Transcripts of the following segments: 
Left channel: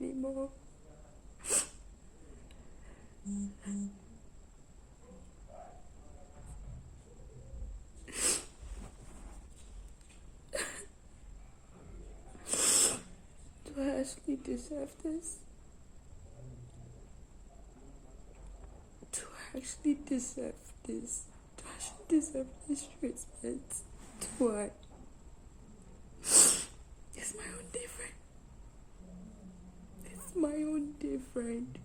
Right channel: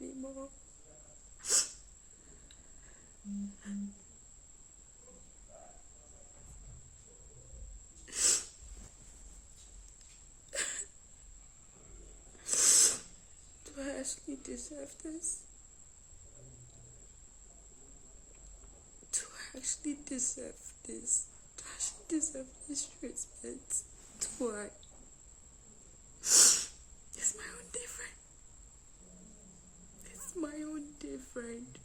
anymore. Do I actually deserve this? Do I actually deserve this? Do I actually deserve this treatment? Do I? It's my own different. It's my own different.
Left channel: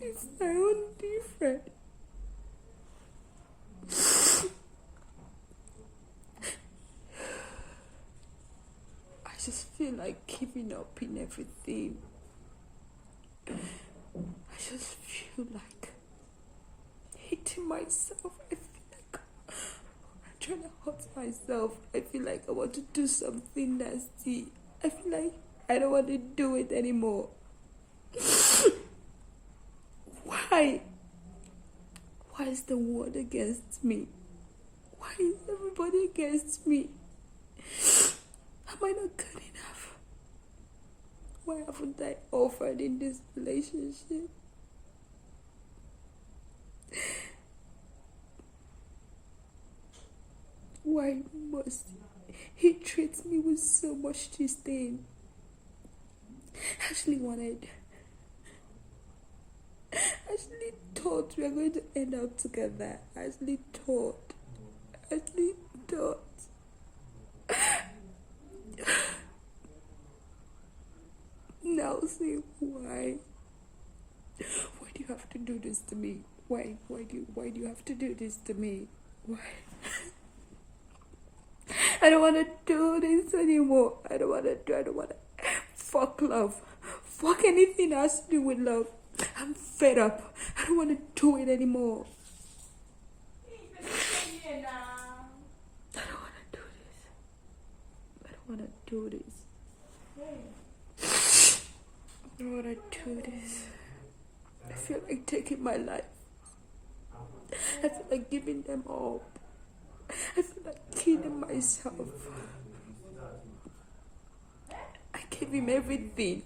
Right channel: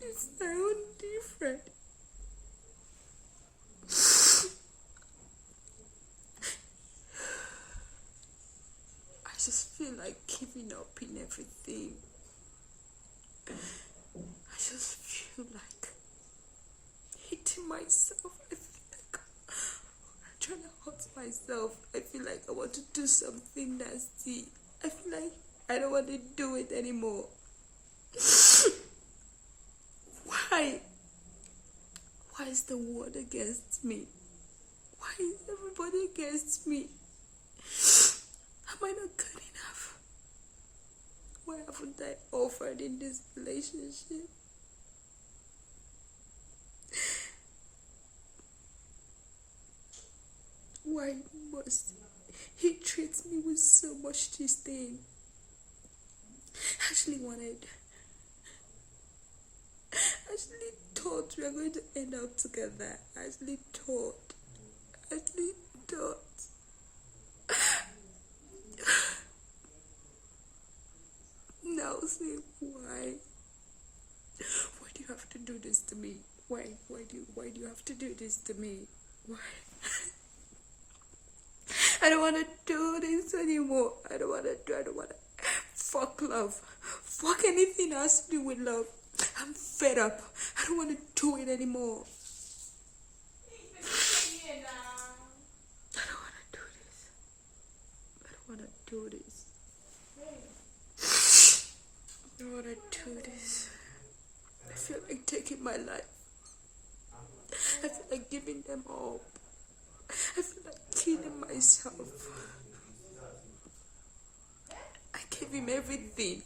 It's my own different. I just feel like giving up in everything. I just feel like hating myself. I feel like I'm trying to hurt myself. I feel like I want to do something nasty. I feel like I don't want to do it anymore. Why? Why is the world against me? Why is everybody against me? Am I not good enough? Why haven't I offered in this relationship? Why must he treat me with so much disdain? I actually thought we were going to end up together. I actually thought. Now say why? Why do you have to do this to me? Why do you have to do this to me? Why? I don't want to do this anymore. I don't want to. Fuck love. Fuck anything that has to do with love. I'm fed up. I don't want to do it anymore. I don't want to do this. I don't want to do this. I don't want to do this. I feel like taking my life. I feel like giving them up. I feel like killing myself. I gave him everything.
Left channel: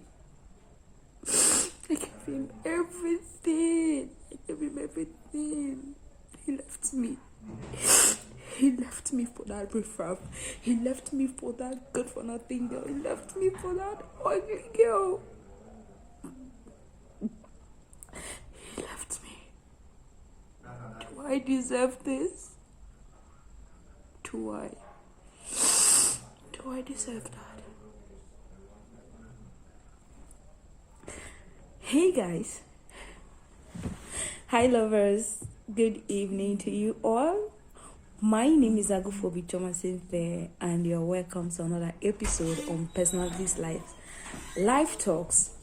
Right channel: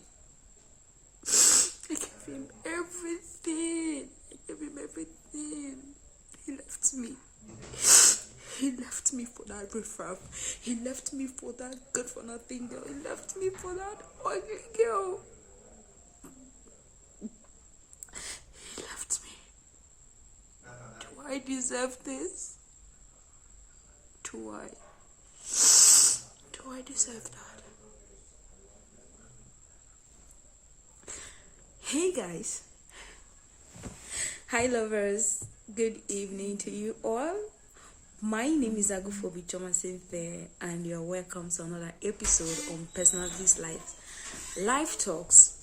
I gave him everything. He left me. He left me for that riffraff. He left me for that good for nothing girl. He left me for that ugly girl. He left me. Do I deserve this? Do I deserve that? Hey guys. Hi lovers. Good evening to you all. My name is Agufobi Thomasin there, and you're welcome to another episode on Personalities Life Talks.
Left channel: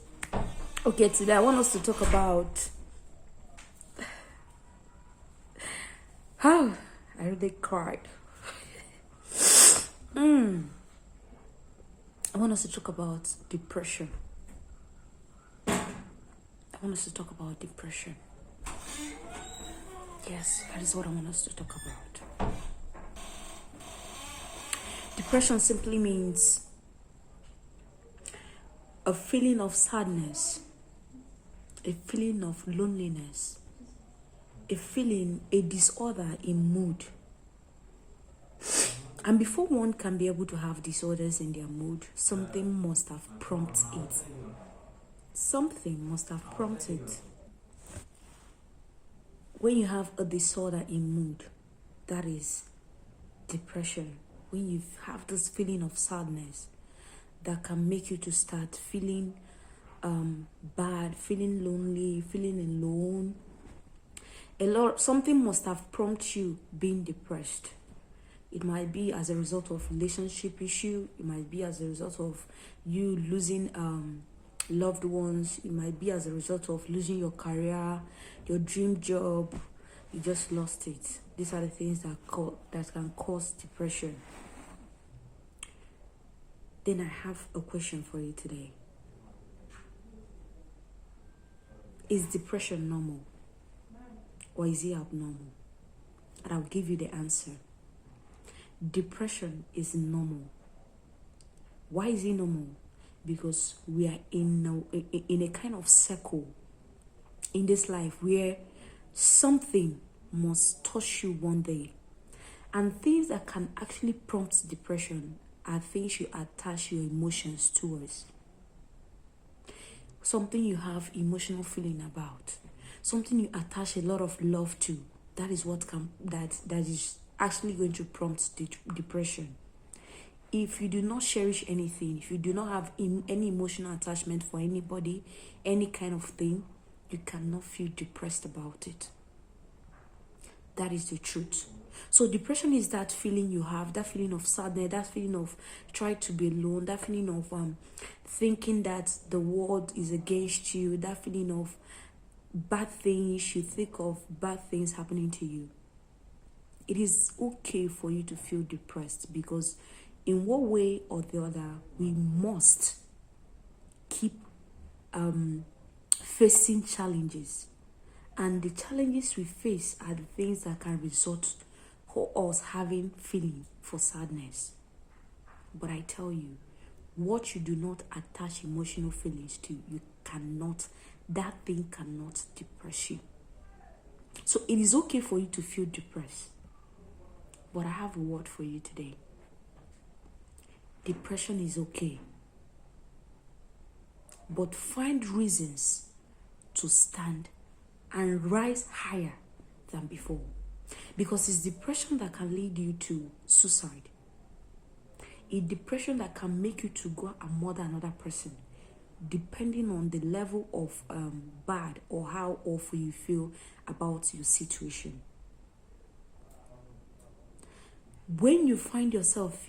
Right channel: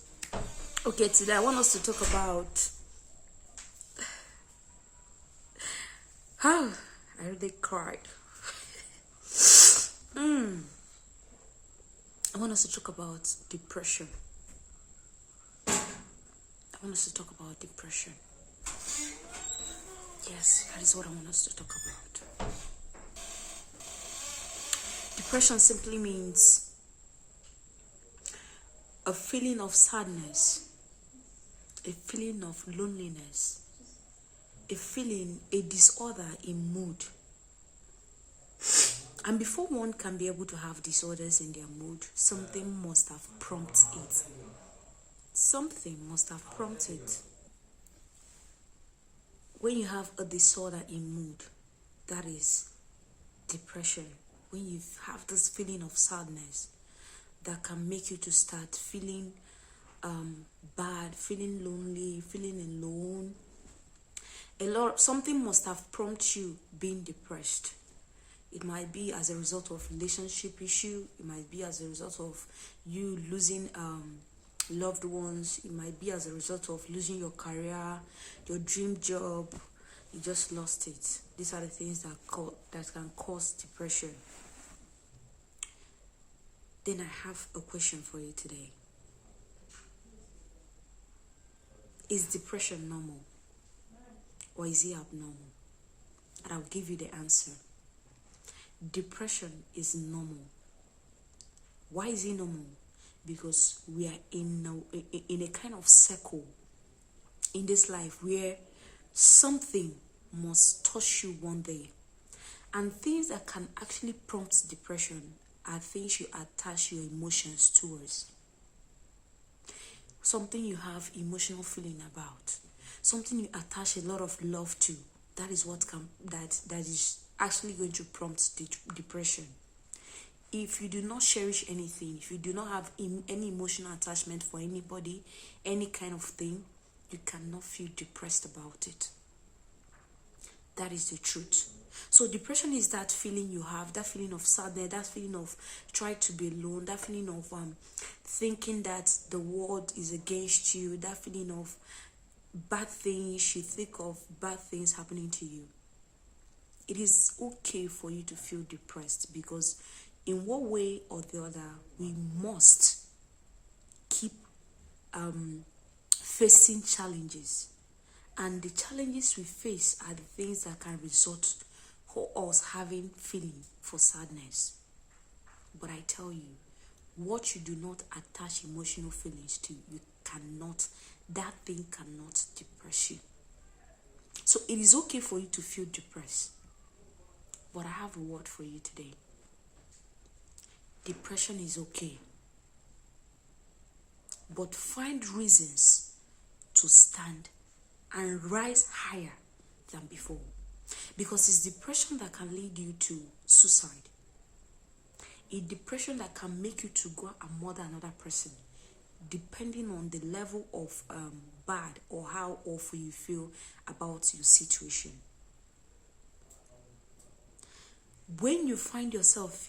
Okay, today I want us to talk about how I really cried. I want us to talk about depression. Yes, that is what I want us to talk about. Depression simply means a feeling of sadness, a feeling of loneliness, a disorder in mood. And before one can be able to have disorders in their mood, something must have prompted it. When you have a disorder in mood, that is depression. When you have this feeling of sadness that can make you to start feeling bad, feeling lonely, feeling alone. Something must have prompted you being depressed. It might be as a result of relationship issue. It might be as a result of you losing loved ones. It might be as a result of losing your career, your dream job. You just lost it. These are the things that can cause depression. Then I have a question for you today. Is depression normal? Or is it abnormal? And I'll give you the answer. Depression is normal. Why is it normal? because we are in a kind of circle in this life where something must touch you one day. And things that can actually prompt depression are things you attach your emotions towards. Something you have emotional feeling about. Something you attach a lot of love to. That is what that is actually going to prompt depression. If you do not cherish anything, if you do not have any emotional attachment for anybody, any kind of thing, you cannot feel depressed about it. That is the truth. So depression is that feeling you have, that feeling of sadness, that feeling of trying to be alone, that feeling of thinking that the world is against you, that feeling of bad things, you think of bad things happening to you. It is okay for you to feel depressed, because in one way or the other, we must keep facing challenges. And the challenges we face are the things that can result for us having feeling for sadness. But I tell you, what you do not attach emotional feelings to, that thing cannot depress you. So it is okay for you to feel depressed. But I have a word for you today. Depression is okay. But find reasons to stand and rise higher than before. Because it's depression that can lead you to suicide. It's depression that can make you to go and murder another person, depending on the level of bad or how awful you feel about your situation. When you find yourself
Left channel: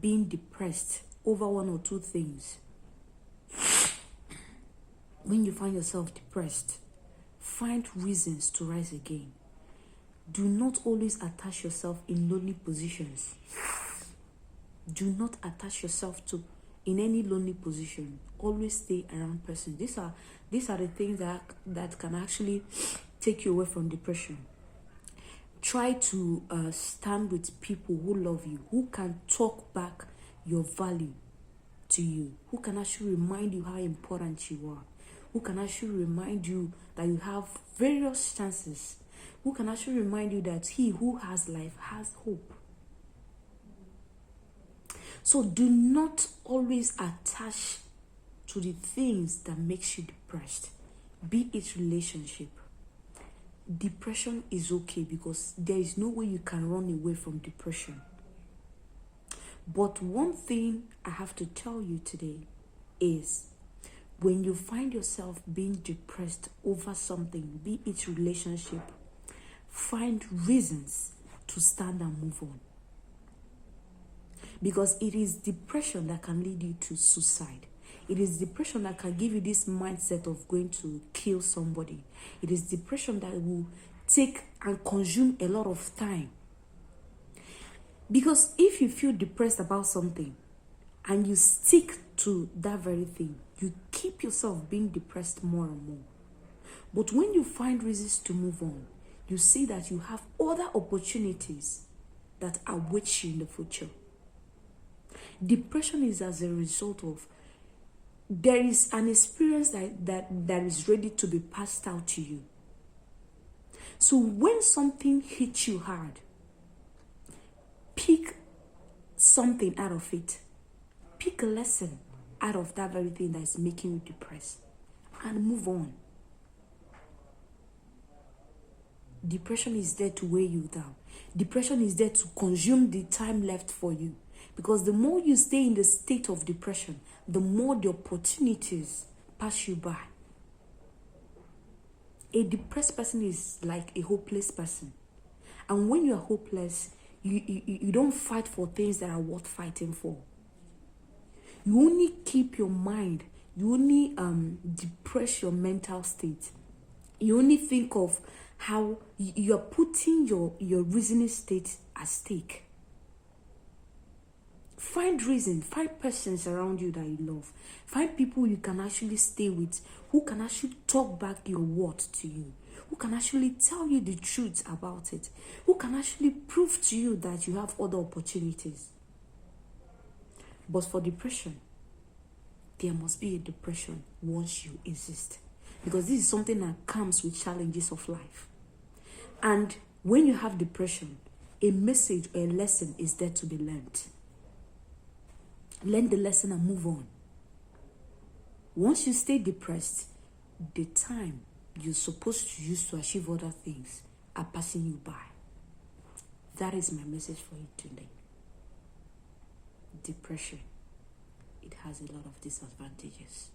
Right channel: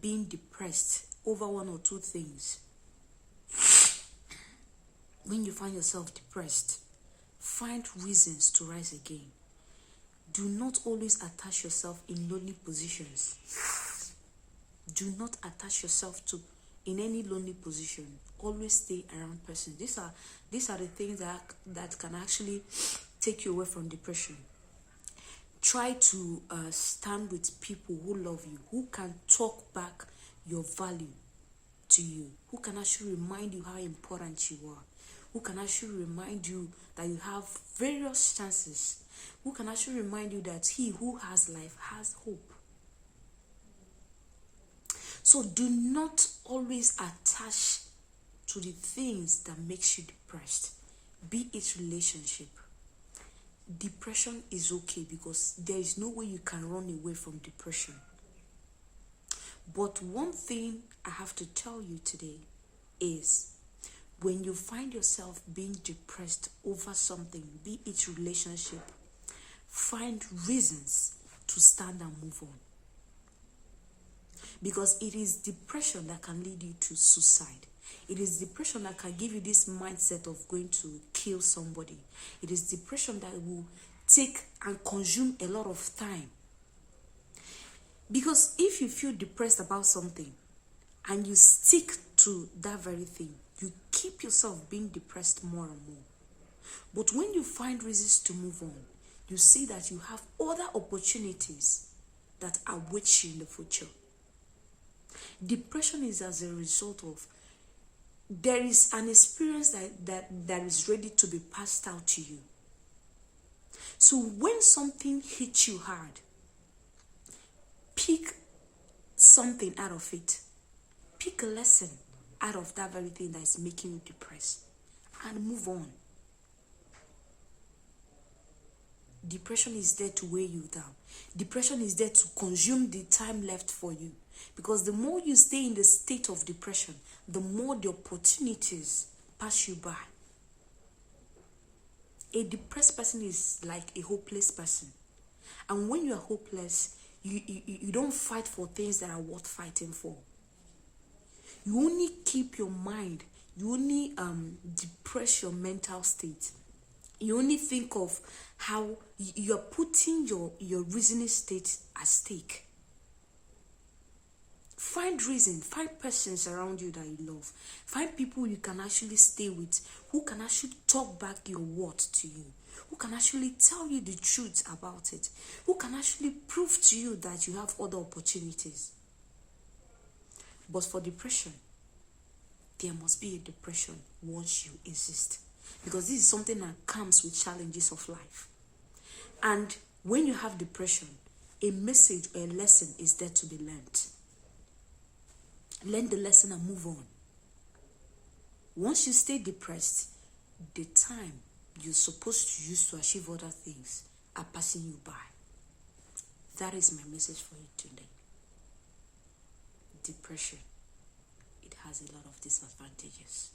being depressed over one or two things, when you find yourself depressed, find reasons to rise again. Do not always attach yourself in lonely positions. Do not attach yourself in any lonely position. Always stay around persons. These are the things that can actually take you away from depression. Try to stand with people who love you, who can talk back your value to you, who can actually remind you how important you are, who can actually remind you that you have various chances, who can actually remind you that he who has life has hope. So do not always attach to the things that makes you depressed, be it relationship. Depression is okay, because there is no way you can run away from depression. But one thing I have to tell you today is, when you find yourself being depressed over something, be it relationship, find reasons to stand and move on. Because it is depression that can lead you to suicide. It is depression that can give you this mindset of going to kill somebody. It is depression that will take and consume a lot of time. Because if you feel depressed about something and you stick to that very thing, you keep yourself being depressed more and more. But when you find reasons to move on, you see that you have other opportunities that await you in the future. Depression is as a result of, there is an experience that is ready to be passed out to you. So when something hits you hard, pick something out of it. Pick a lesson out of that very thing that is making you depressed and move on. Depression is there to weigh you down. Depression is there to consume the time left for you. Because the more you stay in the state of depression, the more the opportunities pass you by. A depressed person is like a hopeless person. And when you are hopeless, you don't fight for things that are worth fighting for. You only keep your mind, you only depress your mental state. You only think of how you're putting your reasoning state at stake. Find reason, find persons around you that you love. Find people you can actually stay with, who can actually talk back your words to you, who can actually tell you the truth about it, who can actually prove to you that you have other opportunities. But for depression, there must be a depression once you insist. Because this is something that comes with challenges of life. And when you have depression, a message or a lesson is there to be learned. Learn the lesson and move on. Once you stay depressed, the time you're supposed to use to achieve other things are passing you by. That is my message for you today. Depression, it has a lot of disadvantages.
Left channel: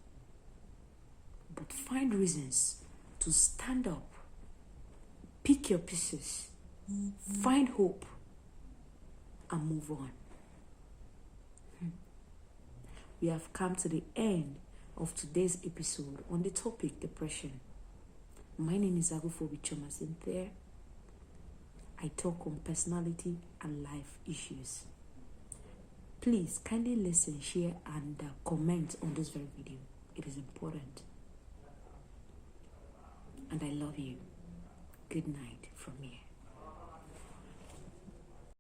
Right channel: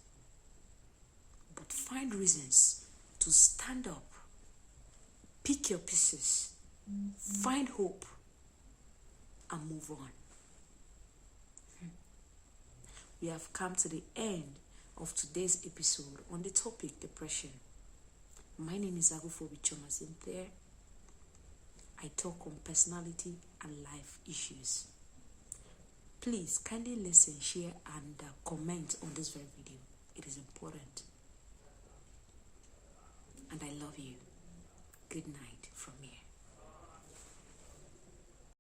But find reasons to stand up, pick your pieces, find hope, and move on. We have come to the end of today's episode on the topic depression. My name is Agufobi Chomasinthia. I talk on personality and life issues. Please kindly listen, share, and comment on this very video. It is important. And I love you. Good night from here.